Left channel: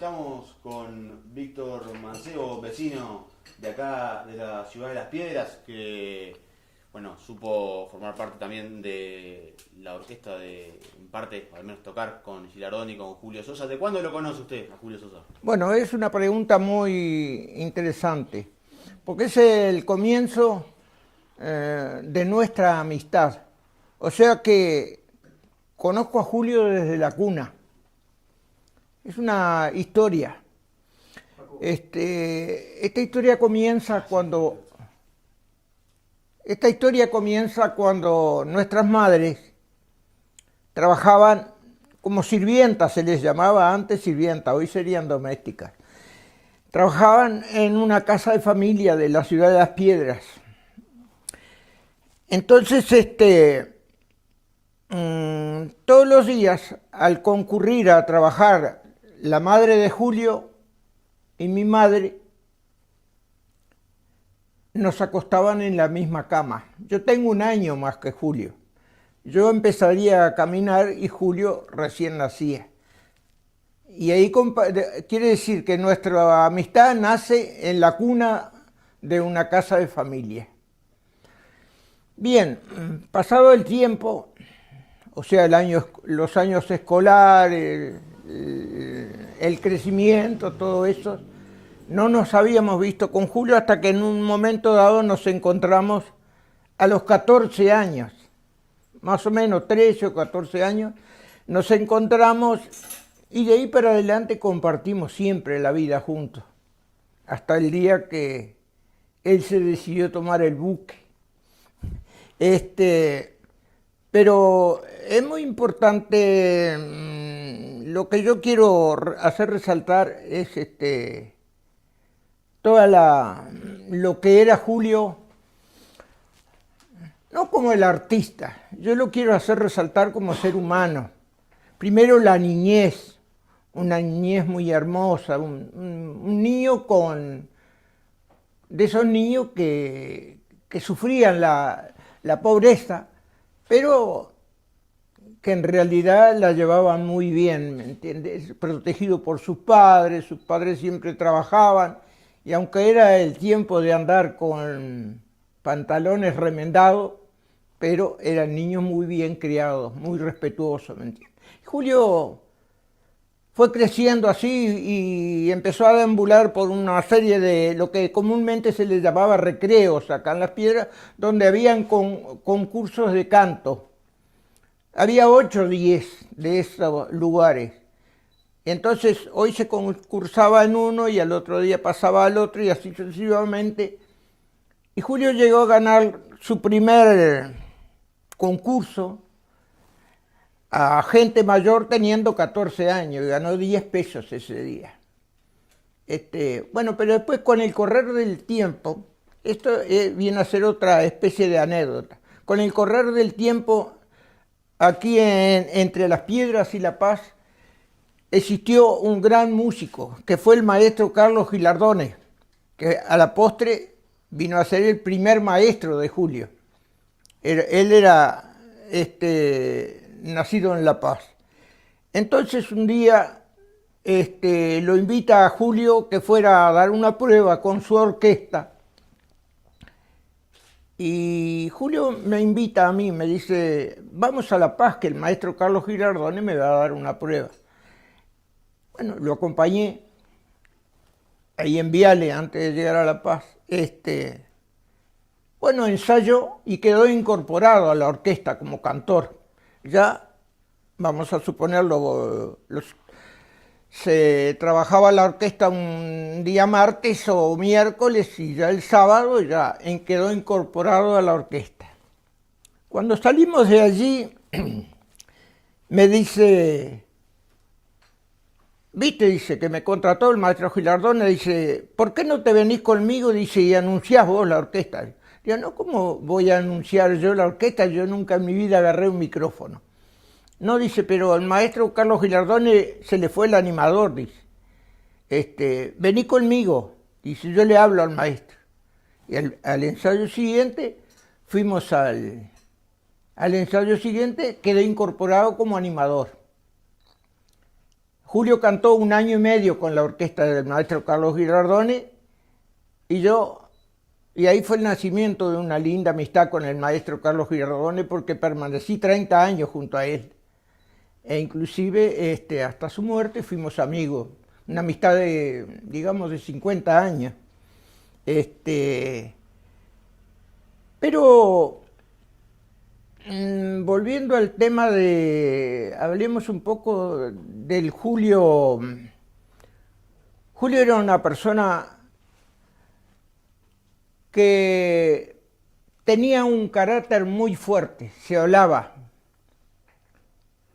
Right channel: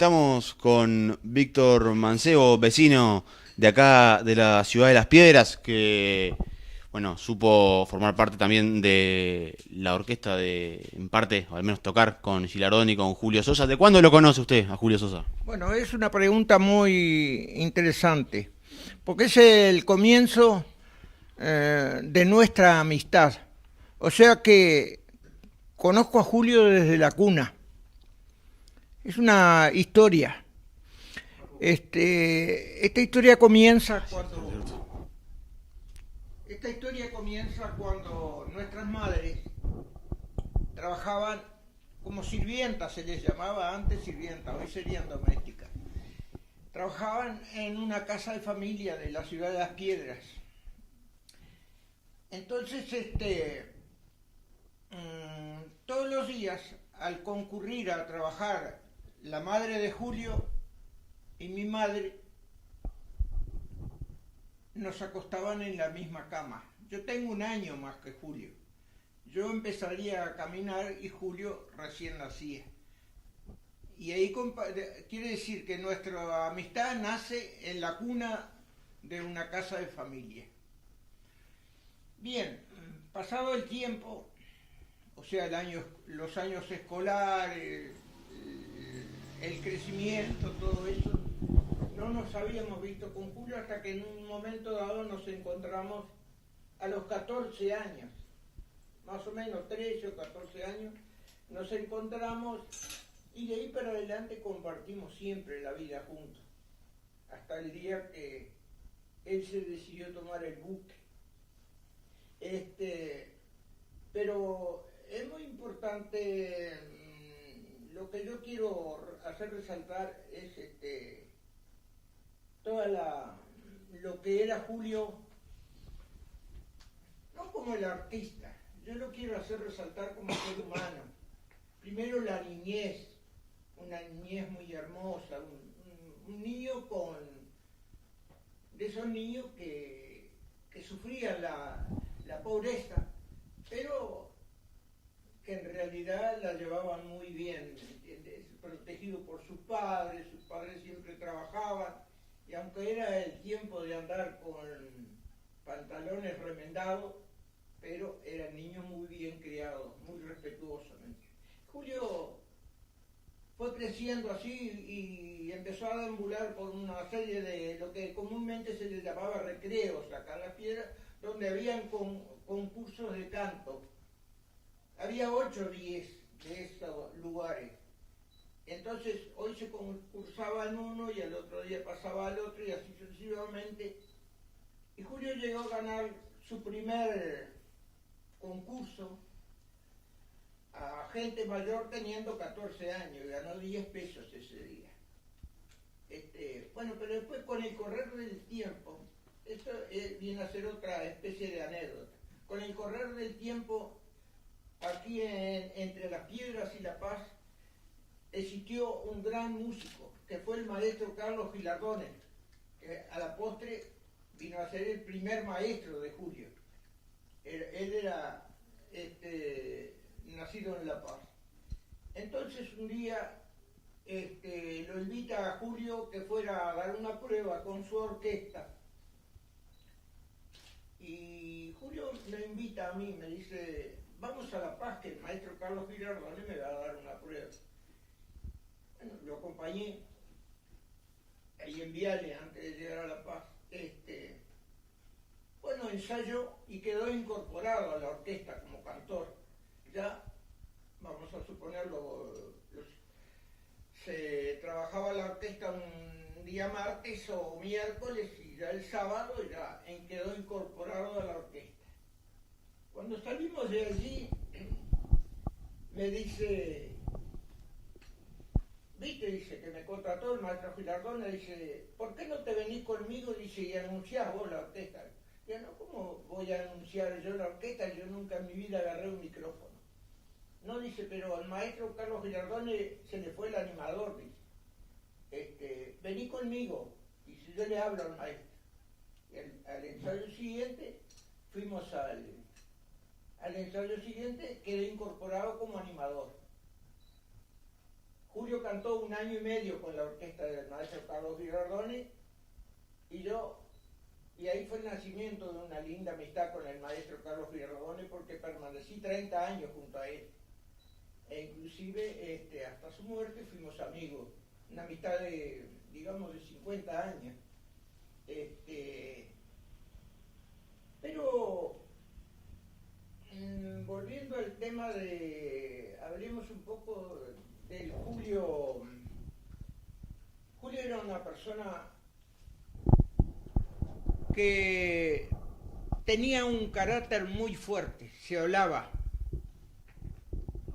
Estamos con Víctor Mancebo, vecino de acá de la ciudad de Las Piedras, que bueno, supo formar parte también de la orquesta en parte, o al menos tocar con Gilardoni y con Julio Sosa. ¿De cuándo lo conoce usted a Julio Sosa? Bueno, es una pregunta muy interesante, porque es el comienzo de nuestra amistad. O sea que conozco a Julio desde la cuna. Es una historia. Esta historia comienza cuando nuestras madres trabajaban como sirvientas, se les llamaba antes sirvienta, hoy serían domésticas. Trabajaban en una casa de familia de la ciudad de Las Piedras. Entonces, todos los días, al concurrir a trabajar la madre de Julio y mi madre, nos acostaban en la misma cama. Yo tengo un año más que Julio. Yo empezaría a caminar y Julio recién nacía. Y ahí quiere decir que nuestra amistad nace en la cuna de una casa de familia. Bien, pasado el tiempo, o sea, los años escolares, el crecimiento, todo eso, no nos habíamos visto con Julio hasta que en un momento dado nos encontramos a los 14 años, más o menos 13 o 14 años, nos encontramos y de ahí para adelante compartimos siempre la vida juntos, hasta el día que él se decidió tomar el buque. Pero es muy importante, lo que yo quiero hacer resaltar es lo que era Julio, no como el artista, yo lo quiero hacer resaltar como ser humano. Primero la niñez, una niñez muy hermosa, un niño de esos niños que sufrían la pobreza, pero que en realidad la llevaban muy bien, ¿me entiendes? Protegido por sus padres siempre trabajaban, y aunque era el tiempo de andar con pantalones remendados, pero eran niños muy bien criados, muy respetuosos, ¿me entiendes? Julio fue creciendo así y empezó a deambular por una serie de lo que comúnmente se le llamaba recreos acá en Las Piedras, donde habían concursos de canto. Había 8 o 10 de esos lugares. Entonces hoy se concursaba en uno y al otro día pasaba al otro y así sucesivamente. Y Julio llegó a ganar su primer concurso a gente mayor teniendo 14 años y ganó 10 pesos ese día. Bueno, pero después con el correr del tiempo, esto viene a ser otra especie de anécdota. Con el correr del tiempo, aquí entre Las Piedras y La Paz, existió un gran músico, que fue el maestro Carlos Gilardone, que a la postre vino a ser el primer maestro de Julio. Él era nacido en La Paz. Entonces un día lo invita a Julio que fuera a dar una prueba con su orquesta. Y Julio me invita a mí, me dice, vamos a La Paz, que el maestro Carlos Gilardone me va a dar una prueba. Bueno, lo acompañé ahí en Viale antes de llegar a La Paz. Bueno, ensayó y quedó incorporado a la orquesta como cantor. Ya, vamos a suponerlo, se trabajaba la orquesta un día martes o miércoles y ya el sábado ya quedó incorporado a la orquesta. Cuando salimos de allí, me dice, viste, dice, que me contrató el maestro Gilardone, dice, ¿por qué no te venís conmigo? Dice, y anunciás vos la orquesta. Digo, no, ¿cómo voy a anunciar yo la orquesta? Yo nunca en mi vida agarré un micrófono. No, dice, pero al maestro Carlos Gilardone se le fue el animador, dice. Vení conmigo, dice, yo le hablo al maestro. Y al ensayo siguiente, fuimos al ensayo siguiente, quedé incorporado como animador. Julio cantó 1 año y medio con la orquesta del maestro Carlos Girardone y ahí fue el nacimiento de una linda amistad con el maestro Carlos Girardone porque permanecí 30 años junto a él. E inclusive hasta su muerte fuimos amigos, una amistad de, digamos, de 50 años. Pero volviendo al tema hablemos un poco del Julio. Julio era una persona que tenía un carácter muy fuerte, se hablaba,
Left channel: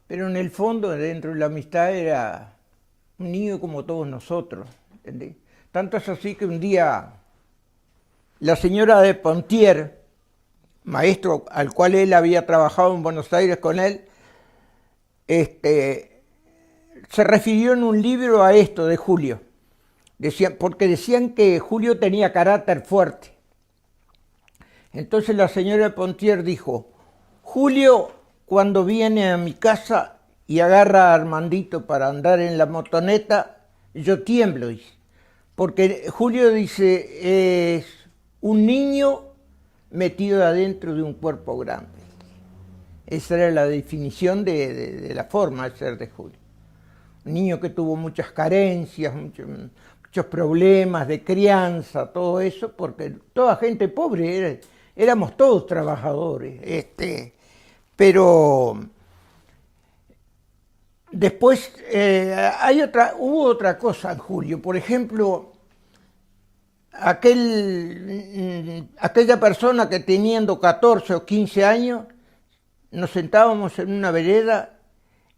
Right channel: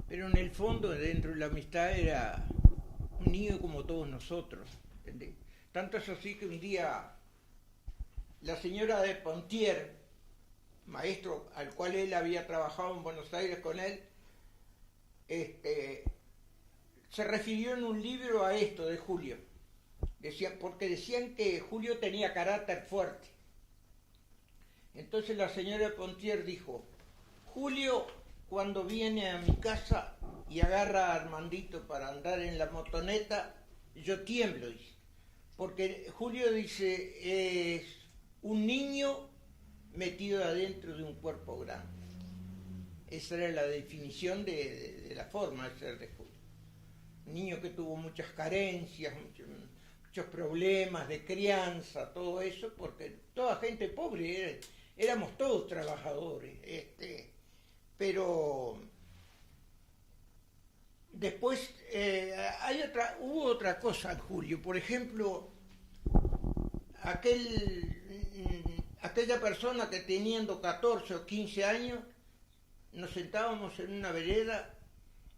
pero en el fondo, dentro de la amistad, era un niño como todos nosotros, ¿entendés? Tanto es así que un día la señora de Pontier, maestro al cual él había trabajado en Buenos Aires con él, se refirió en un libro a esto de Julio, porque decían que Julio tenía carácter fuerte. Entonces la señora de Pontier dijo, Julio cuando viene a mi casa y agarra a Armandito para andar en la motoneta, yo tiemblo, dice, porque Julio, dice, es un niño metido adentro de un cuerpo grande. Esa era la definición de la forma de ser de Julio. Un niño que tuvo muchas carencias, muchos problemas de crianza, todo eso, porque toda gente pobre, éramos todos trabajadores. Pero después hubo otra cosa en Julio. Por ejemplo, aquella persona que teniendo 14 o 15 años, nos sentábamos en una vereda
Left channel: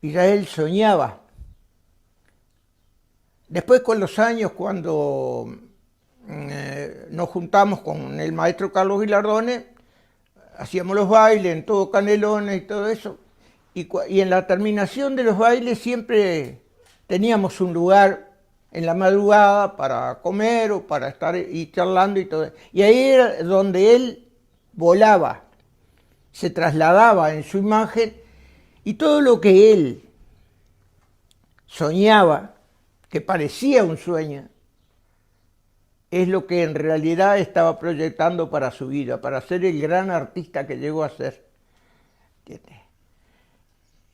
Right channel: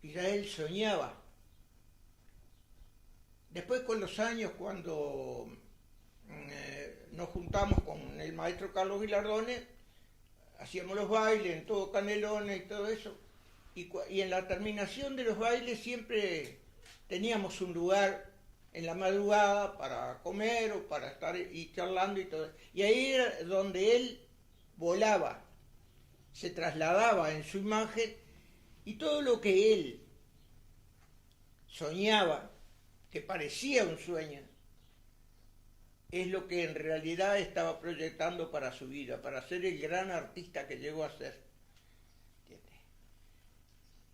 y ya él soñaba. Después con los años, cuando nos juntamos con el maestro Carlos Girardone, hacíamos los bailes en todo Canelones y todo eso, y en la terminación de los bailes siempre teníamos un lugar en la madrugada para comer o para estar y charlando y todo. Y ahí era donde él volaba, se trasladaba en su imagen y todo lo que él soñaba, que parecía un sueño, es lo que en realidad estaba proyectando para su vida, para ser el gran artista que llegó a ser.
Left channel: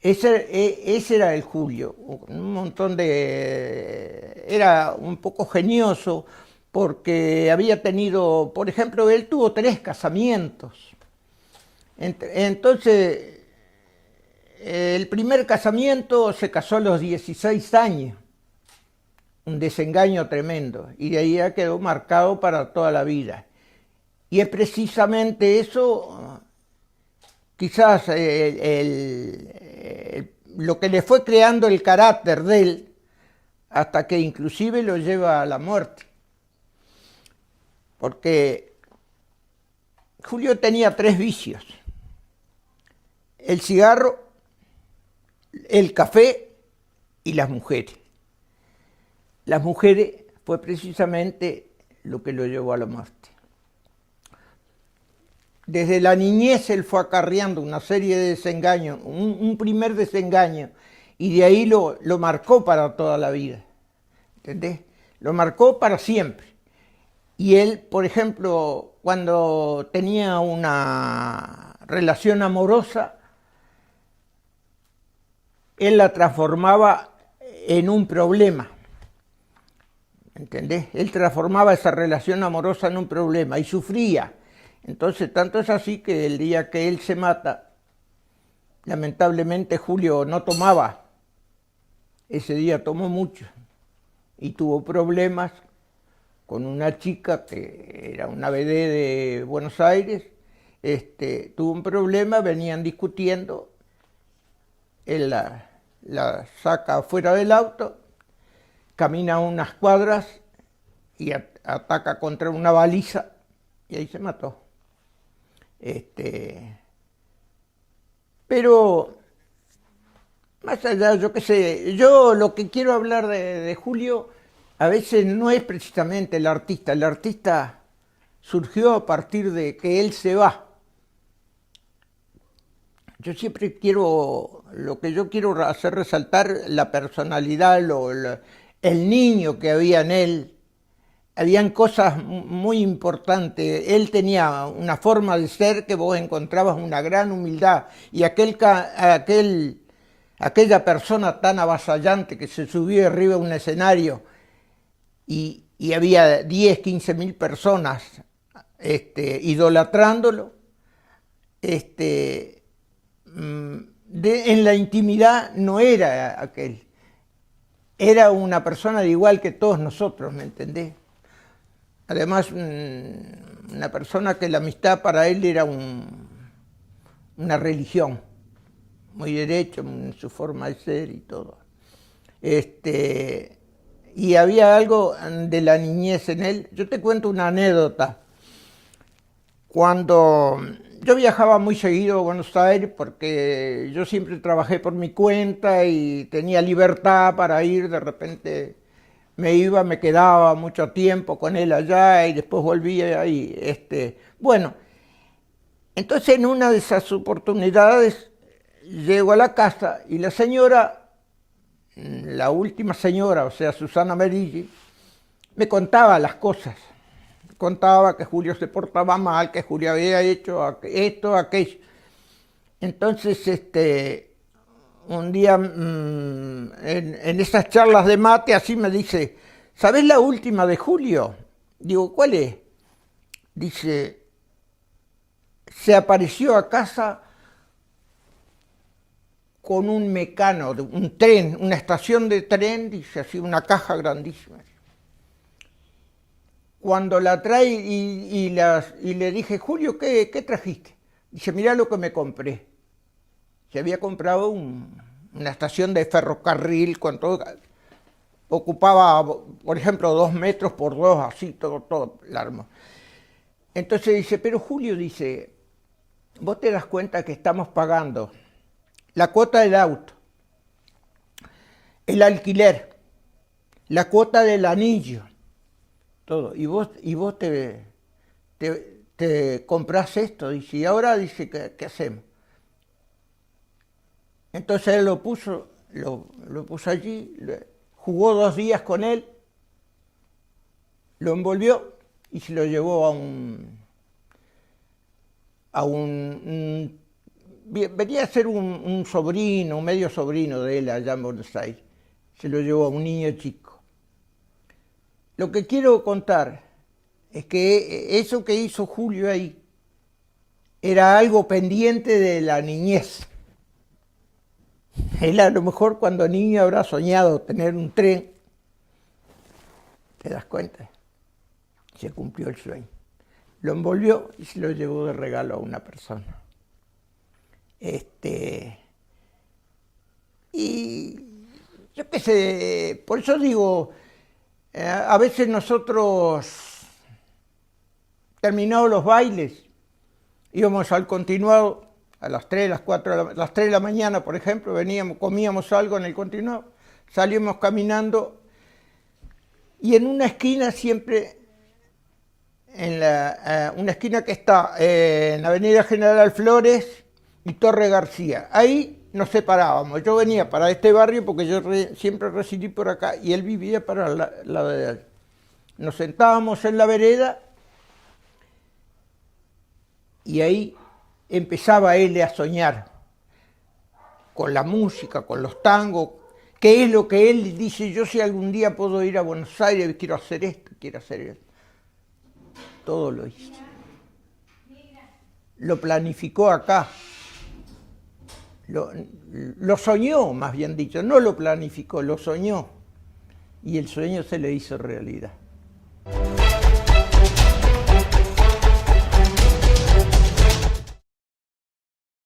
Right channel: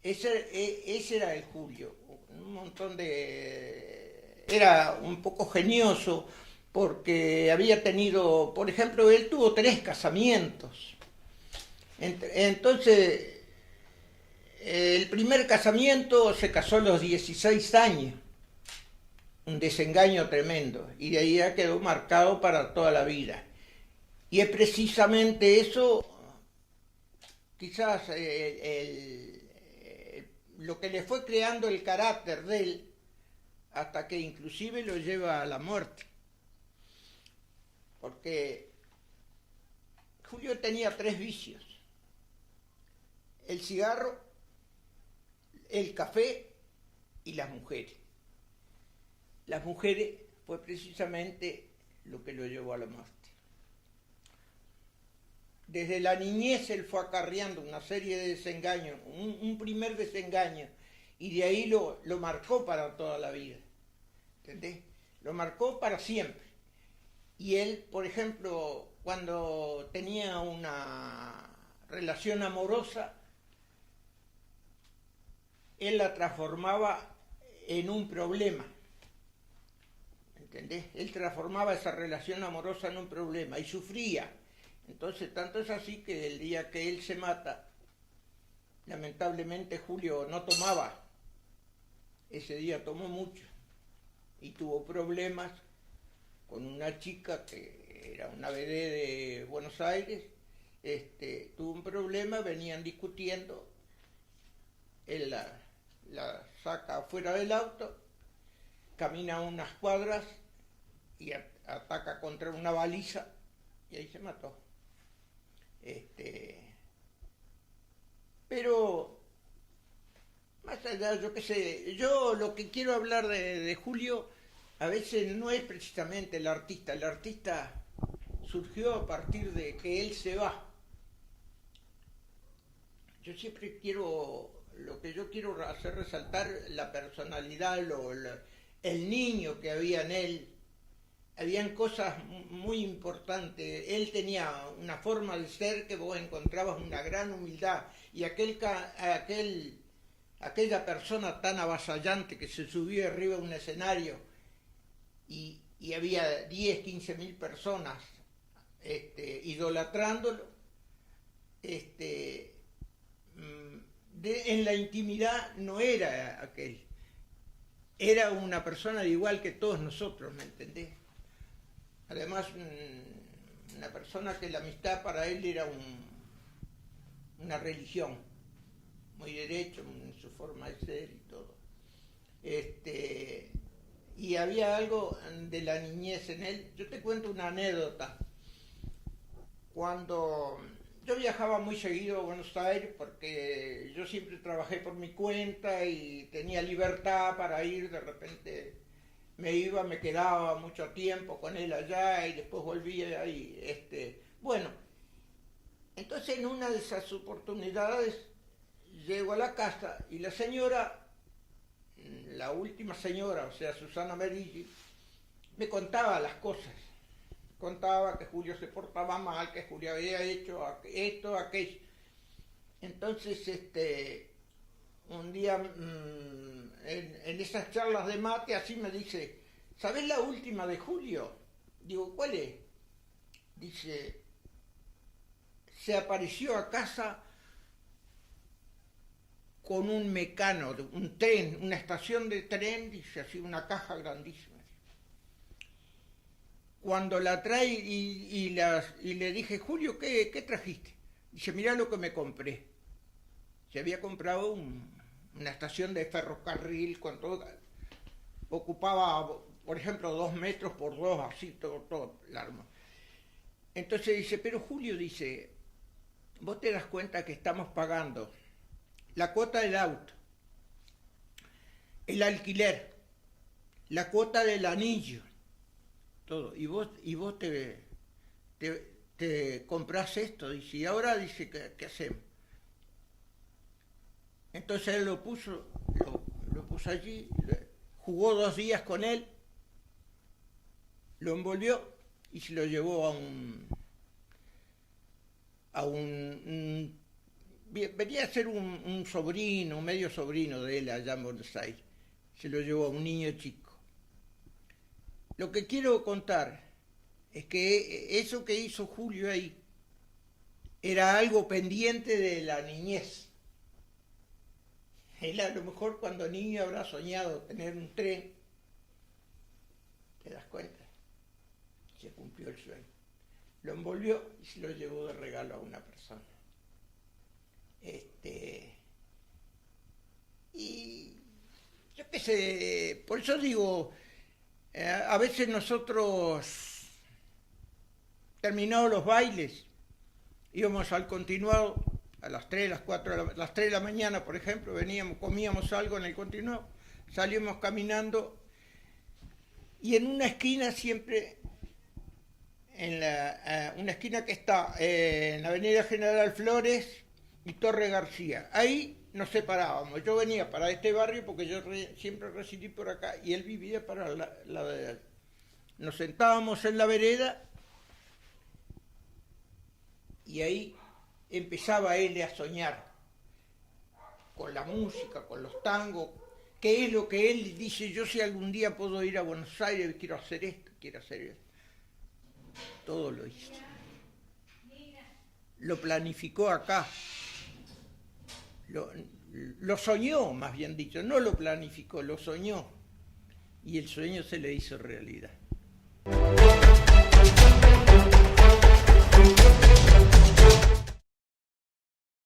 Ese era el Julio, un montón era un poco genioso porque había tenido, por ejemplo, él tuvo 3 casamientos. Entonces, el primer casamiento se casó a los 16 años, un desengaño tremendo, y de ahí ya quedó marcado para toda la vida. Y es precisamente eso, quizás lo que le fue creando el carácter de él, hasta que inclusive lo lleva a la muerte. Porque Julio tenía 3 vicios: el cigarro, el café y las mujeres. Las mujeres fue precisamente lo que lo llevó a la muerte. Desde la niñez él fue acarreando una serie de desengaños, un primer desengaño, y de ahí lo marcó para toda la vida, ¿entendés? Lo marcó para siempre. Y él, por ejemplo, cuando tenía una relación amorosa, él la transformaba en un problema, ¿entendés? Él transformaba esa relación amorosa en un problema y sufría. Entonces, tanto es así que el día que él se mata, lamentablemente Julio no tomaba. Ese día tomó mucho y tuvo problemas con una chica que era una vedette de Buenos Aires. Tuvo un problema, venían discutiendo, él la saca afuera del auto, camina unas cuadras y ataca contra una baliza y ahí se mató. Pero más allá, yo qué sé, yo lo que quiero hablar de Julio a veces no es precisamente el artista surgió a partir de que él se va. yo siempre quiero, lo que yo quiero hacer resaltar, la personalidad, el niño que había en él. Habían cosas muy importantes. Él tenía una forma de ser que vos encontrabas una gran humildad. Y aquella persona tan avasallante que se subía arriba de un escenario y había 10, 15 mil personas idolatrándolo, en la intimidad no era aquel. Era una persona de igual que todos nosotros, ¿me entendés? Además, una persona que la amistad para él era una religión, muy derecho en su forma de ser y todo. Y había algo de la niñez en él. Yo te cuento una anécdota. Cuando yo viajaba muy seguido a Buenos Aires porque yo siempre trabajé por mi cuenta y tenía libertad para ir, de repente me iba, me quedaba mucho tiempo con él allá y después volvía y bueno, entonces en una de esas oportunidades llego a la casa y la señora, la última señora, o sea Susana Meriggi, me contaba las cosas. Contaba que Julio se portaba mal, que Julio había hecho esto, aquello. Entonces, un día en esas charlas de mate así me dice, ¿sabés la última de Julio? Digo, ¿cuál es? Dice, se apareció a casa con un mecano, un tren, una estación de tren, dice así, una caja grandísima. Cuando la trae y le dije, Julio, ¿qué trajiste? Dice, mirá lo que me compré. Se había comprado una estación de ferrocarril con todo, ocupaba, por ejemplo, 2 metros por 2, así, todo largo. Entonces dice, pero Julio, dice, vos te das cuenta que estamos pagando la cuota del auto, el alquiler, la cuota del anillo, todo, y vos te comprás esto, dice, y ahora dice, ¿qué hacemos? Entonces él lo puso allí, jugó 2 días con él, lo envolvió y se lo llevó venía a ser un sobrino, un medio sobrino de él allá en Buenos Aires, se lo llevó a un niño chico. Lo que quiero contar es que eso que hizo Julio ahí era algo pendiente de la niñez. Él a lo mejor cuando niño habrá soñado tener un tren, ¿te das cuenta? Se cumplió el sueño. Lo envolvió y se lo llevó de regalo a una persona. Y yo qué sé, por eso digo, a veces nosotros, terminados los bailes, íbamos al continuado a las 3, las 4, las 3 de la mañana, por ejemplo, veníamos, comíamos algo en el continuado, salíamos caminando y en una esquina siempre, una esquina que está en la Avenida General Flores y Torre García, ahí nos separábamos. Yo venía para este barrio porque yo siempre residí por acá y él vivía para la de allá. Nos sentábamos en la vereda y ahí empezaba él a soñar con la música, con los tangos, que es lo que él dice, yo si algún día puedo ir a Buenos Aires, quiero hacer esto, quiero hacer esto. Todo lo hizo. Lo planificó acá. Lo soñó, más bien dicho, no lo planificó, lo soñó. Y el sueño se le hizo realidad.